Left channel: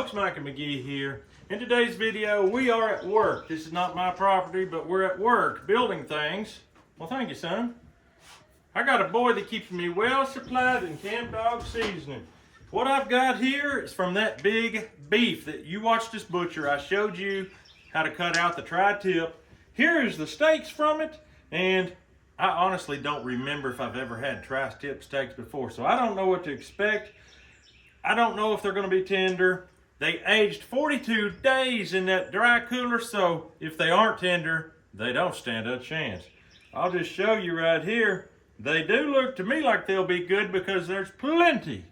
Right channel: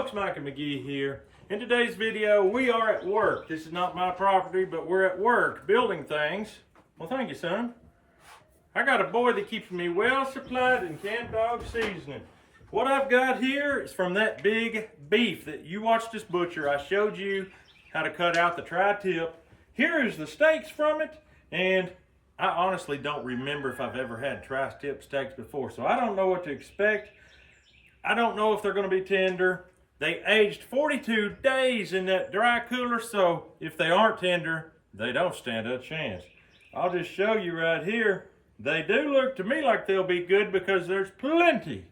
folks, Mike and McGee here. In today's video, we are at work. This is not my property, but we're at work building things. Well, thank you, son. I got a boy that keeps me well supplied in camp dog seasoning. What I've got here is from that big beef that you watched us butcher. I showed you how to cut out the tri-tip. Here is the steaks from it, and I honestly don't remember if I've ever had tri-tip steaks before, so I don't know what to expect. I don't know if they're going to be tender. They aged 42 days in that dry cooler, so if they aren't tender, they don't stand a chance. I'll just show you right here. They do look to me like they'll be good because there's plenty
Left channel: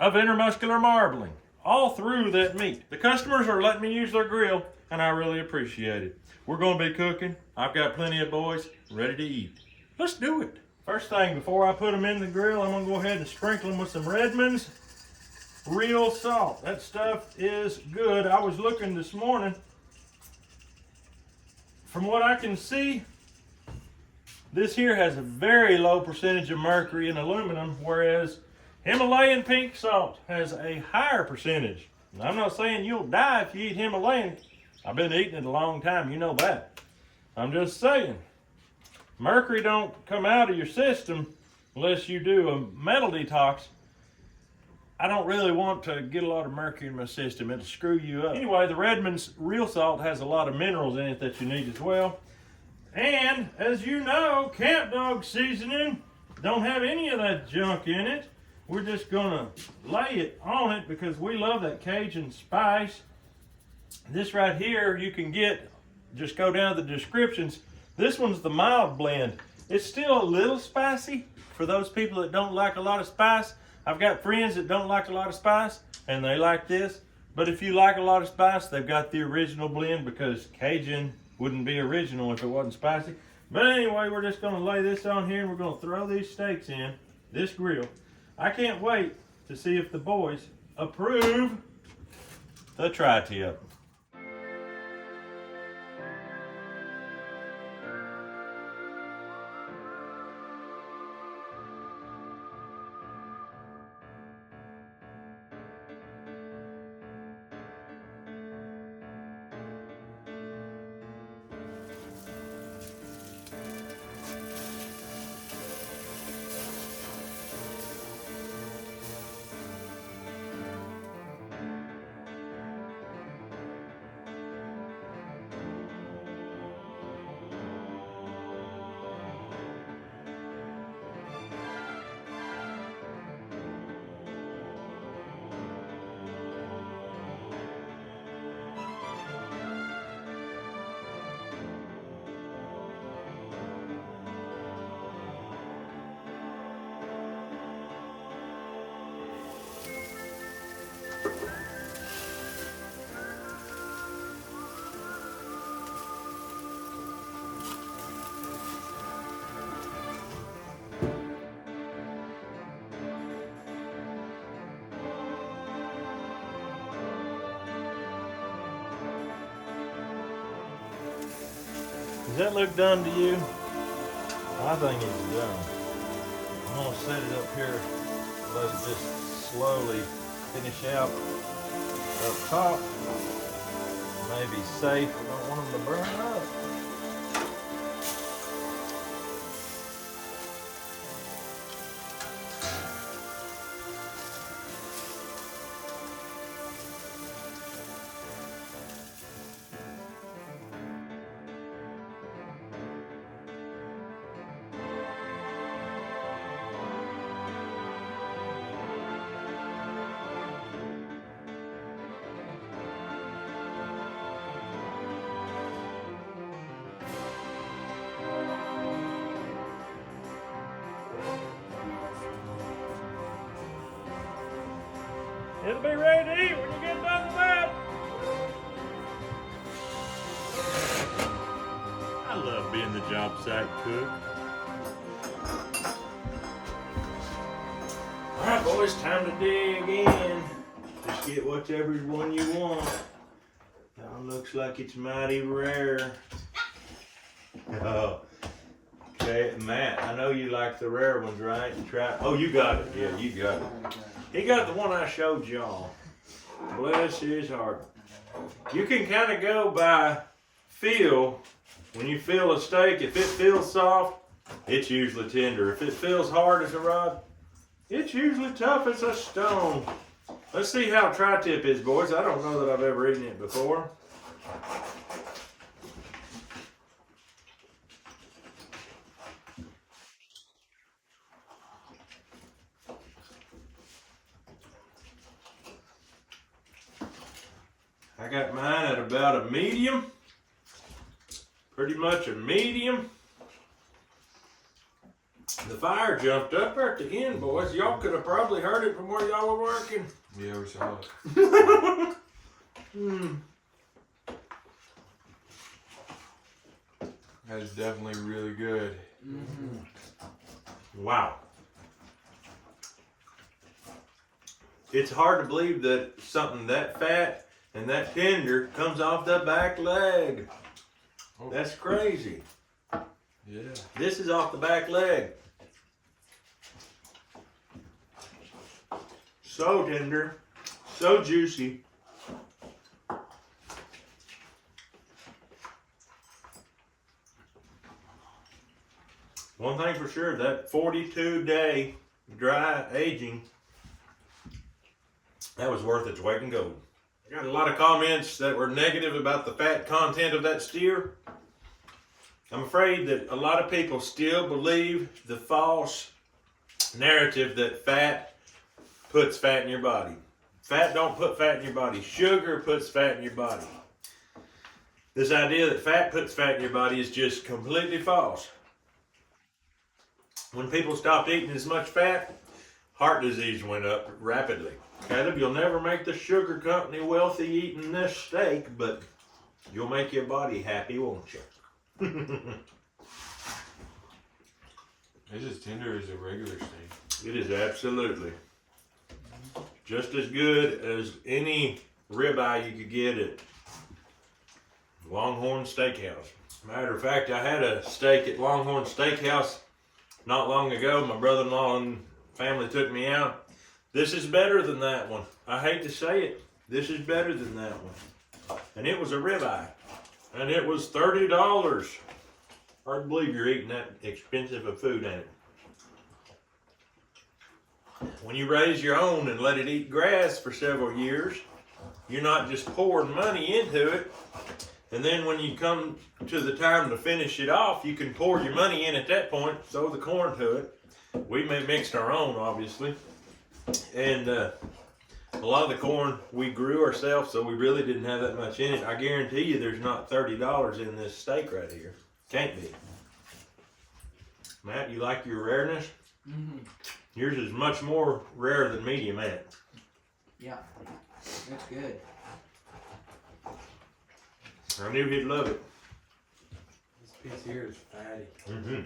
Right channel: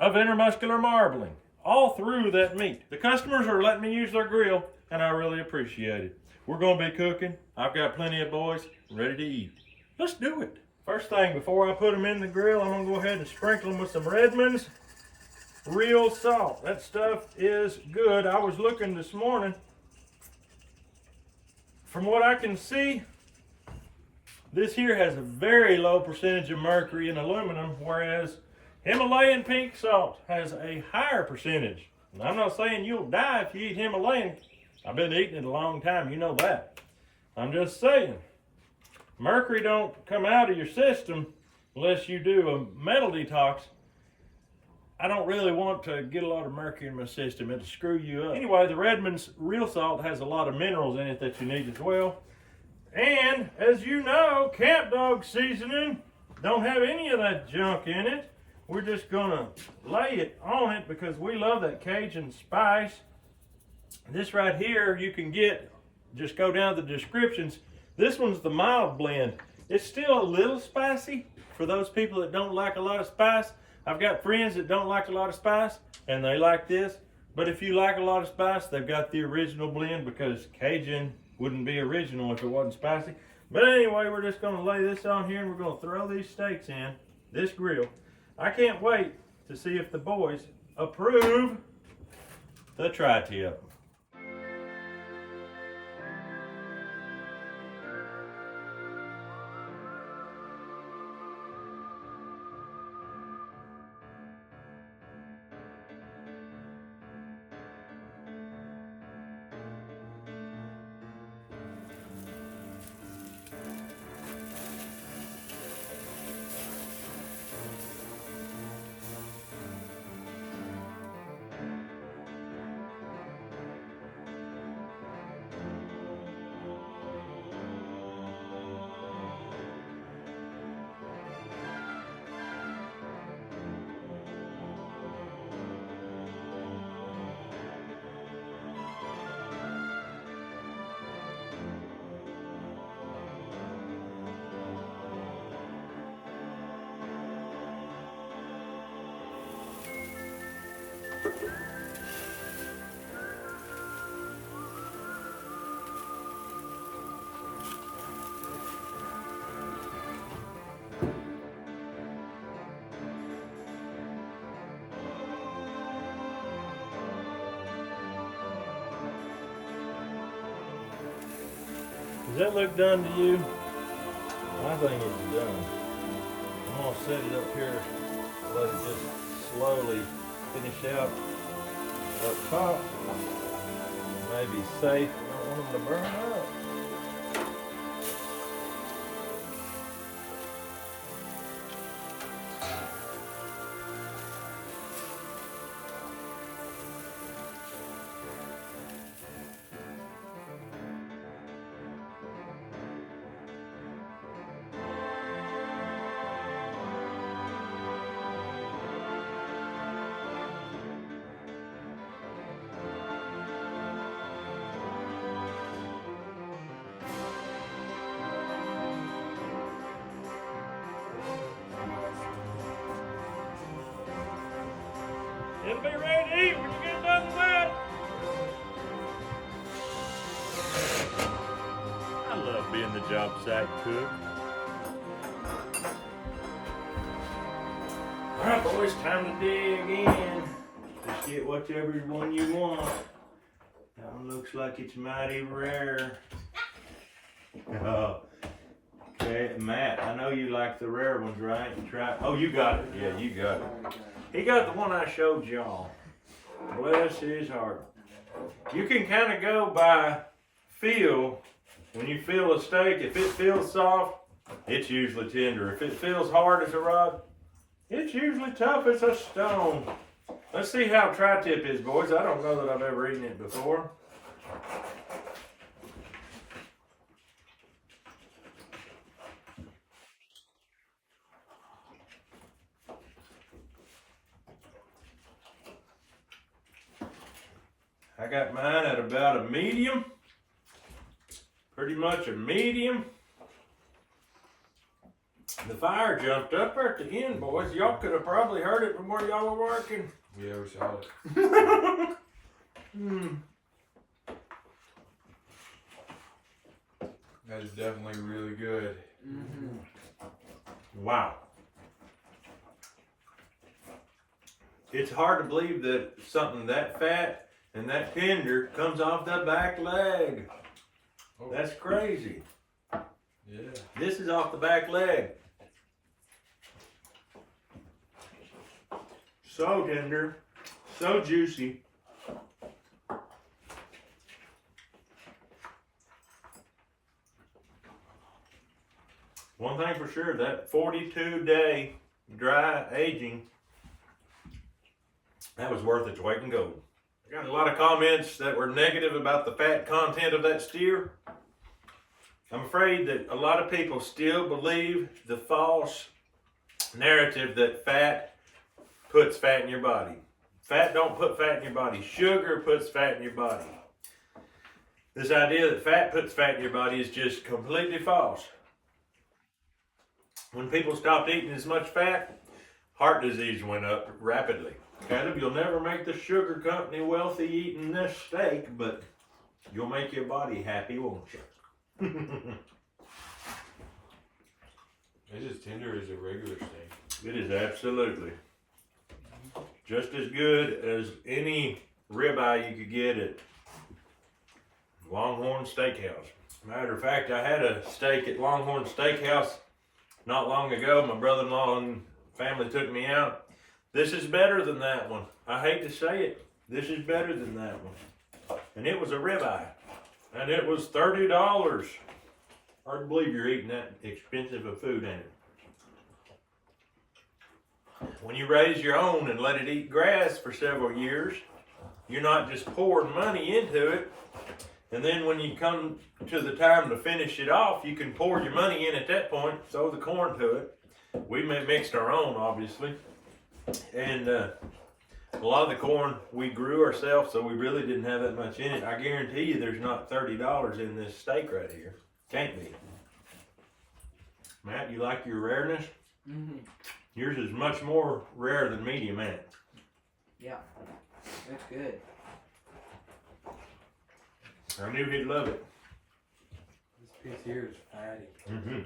of intermuscular marbling all through that meat. The customers are letting me use their grill, and I really appreciate it. We're going to be cooking. I've got plenty of boys ready to eat. Let's do it. First thing, before I put them in the grill, I'm going to go ahead and sprinkle them with some Redmonds real salt. That stuff is good. I was looking this morning. From what I can see, this here has a very low percentage of mercury and aluminum, whereas Himalayan pink salt has a higher percentage. And I'm not saying you'll die if you eat Himalayan. I've been eating it a long time, you know that. I'm just saying, mercury don't come out of your system unless you do a metal detox. I don't really want to get a lot of mercury in my system. It'll screw you up. Anyway, the Redmonds real salt has a lot of minerals in it that you need as well. And as you know, camp dog seasoning don't have any of that junk in it. We're just gonna lay it on it because we love that Cajun spice. This right here you can get, just go down to the descriptions. This one's the mild blend. It's still a little spicy for those people that don't like a lot of spice. I've got friends that don't like a lot of spice and they like this. But if you like a lot of spice, they've got the original blend because Cajun wouldn't be original if it wasn't spicy. But anyway, we're just gonna lay this on here and we're gonna throw these steaks in this grill. I can't wait to see if the boys approve the tri-tip. Does that look done to you? I think it's done. I'm gonna set it up here, let it just slowly finish out up top. Maybe safe, I don't want them to burn up. It'll be ready to eat when you get done with that. I love being the job site cook. All right, boys, time to dig in. Just get whichever one you want. That one looks like it's mighty rare. Oh, okay, Matt, I know you like the rare ones, right? You try. Oh, you got it. Yeah, you got it. He got the one I showed y'all. Bless his heart. You can kind of go by feel. When you feel a steak, if it feels soft, it's usually tender. If it feels hard as a rod, it's usually tough as a stone. Let's see how tri-tip is, boys. I don't know that I've ever eaten it before. I got mine at about a medium. Pretty much a medium. The fire jumped up there at the end, boys. Y'all could have probably heard it from where y'all were working. Yeah, we saw it. That is definitely really good. Wow. It's hard to believe that something that fat and that tender comes off the back leg. Oh. That's crazy. Yeah. This is off the back leg. So tender, so juicy. One thing for sure, that 42-day dry aging, that was worth its weight in gold. I got a lot of comments that were negative about the fat content of that steer. I'm afraid that a lot of people still believe the false narrative that fat puts fat in your body. Fat don't put fat in your body. Sugar puts fat in your body. This idea that fat puts fat in your body is just completely false. When people stopped eating as much fat, heart disease went up rapidly. Caleb, you'll never make the sugar company wealthy eating this steak, but you'll make your body happy, won't you? It's as tender as a regular steak. It is absolutely just as good as any ribeye you could get at Longhorn Steakhouse. Matter of fact, I had a steak at Longhorn Steakhouse not long ago. My brother-in-law and family took me out. This is better than that one. I hate to say it. This is better than that one. And it was a ribeye. And it was $30. Hard to believe you're eating that expensive of food, ain't it? When you raise your own and let it eat grass for several years, you're not just pouring money into it. And then when you come to the time to finish it off, you can pour your money in at that point, throw the corn to it. We mixed our own, obviously. And a lot of the corn we grew ourselves, so we really didn't have that much in it. I guarantee you there's not $30 in this steak right here. Can't be. Matt, you like your rareness? Mm-hmm. Yours is much more rare than medium, Matt. Yeah, that's good. I knew he'd love it. This piece here is fatty. Mm-hmm.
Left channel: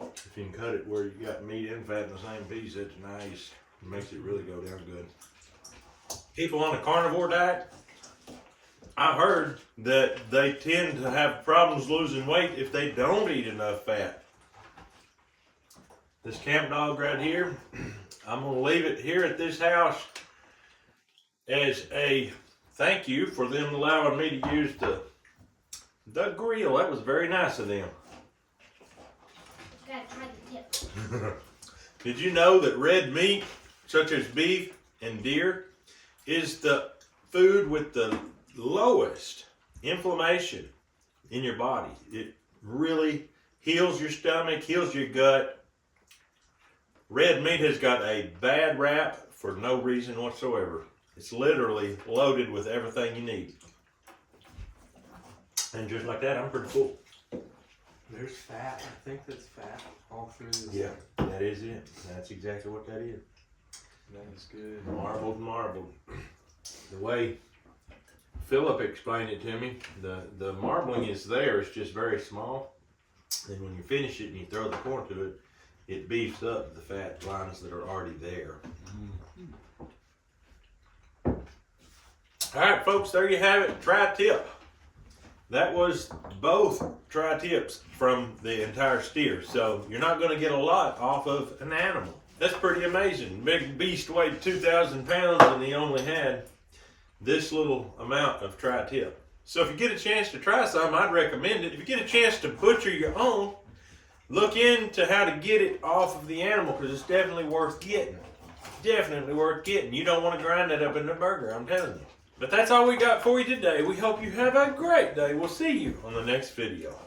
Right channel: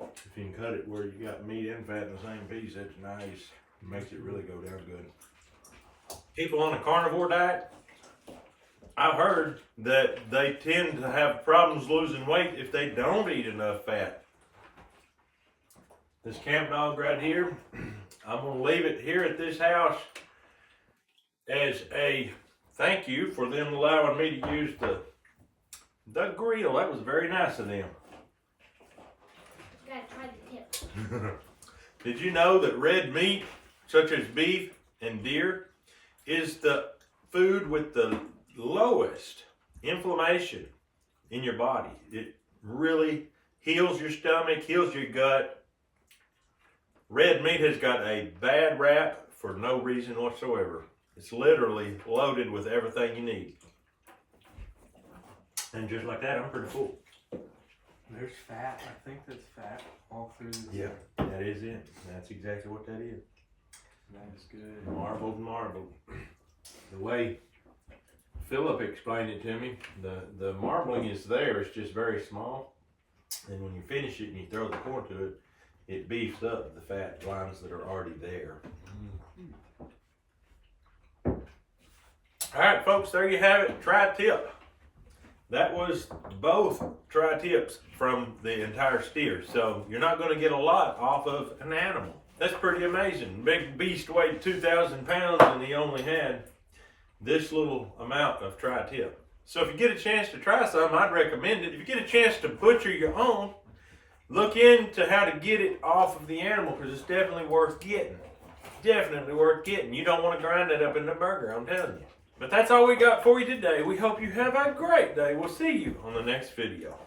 If you can cut it where you got meat and fat in the same piece, that's nice. It makes it really go down good. People on a carnivore diet, I heard that they tend to have problems losing weight if they don't eat enough fat. This camp dog right here, I'm going to leave it here at this house as a thank you for them allowing me to use the grill. That was very nice of them. You gotta try the tip. Did you know that red meat, such as beef and deer, is the food with the lowest inflammation in your body? It really heals your stomach, heals your gut. Red meat has got a bad rap for no reason whatsoever. It's literally loaded with everything you need. And just like that, I'm pretty full. There's fat. I think that's fat all through this. Yeah, that is it. That's exactly what that is. That is good. Marbled, marbled. The way Philip explained it to me, the marbling is there, it's just very small. And when you finish it and you throw the corn to it, it beefs up the fat lines that are already there. All right, folks, there you have it. Tri-tip. That was both tri-tips from the entire steer. So you're not going to get a lot off of an animal. That's pretty amazing. Big beast weighed 2,000 pounds and he only had this little amount of tri-tip. So if you get a chance to try some, I'd recommend it. If you get a chance to butcher your own, look into how to get it off of the animal because it's definitely worth getting. Definitely worth getting. You don't want to grind that up in the burger, I'm telling you. But that's all we got for you today. We hope you have a great day. We'll see you on the next video.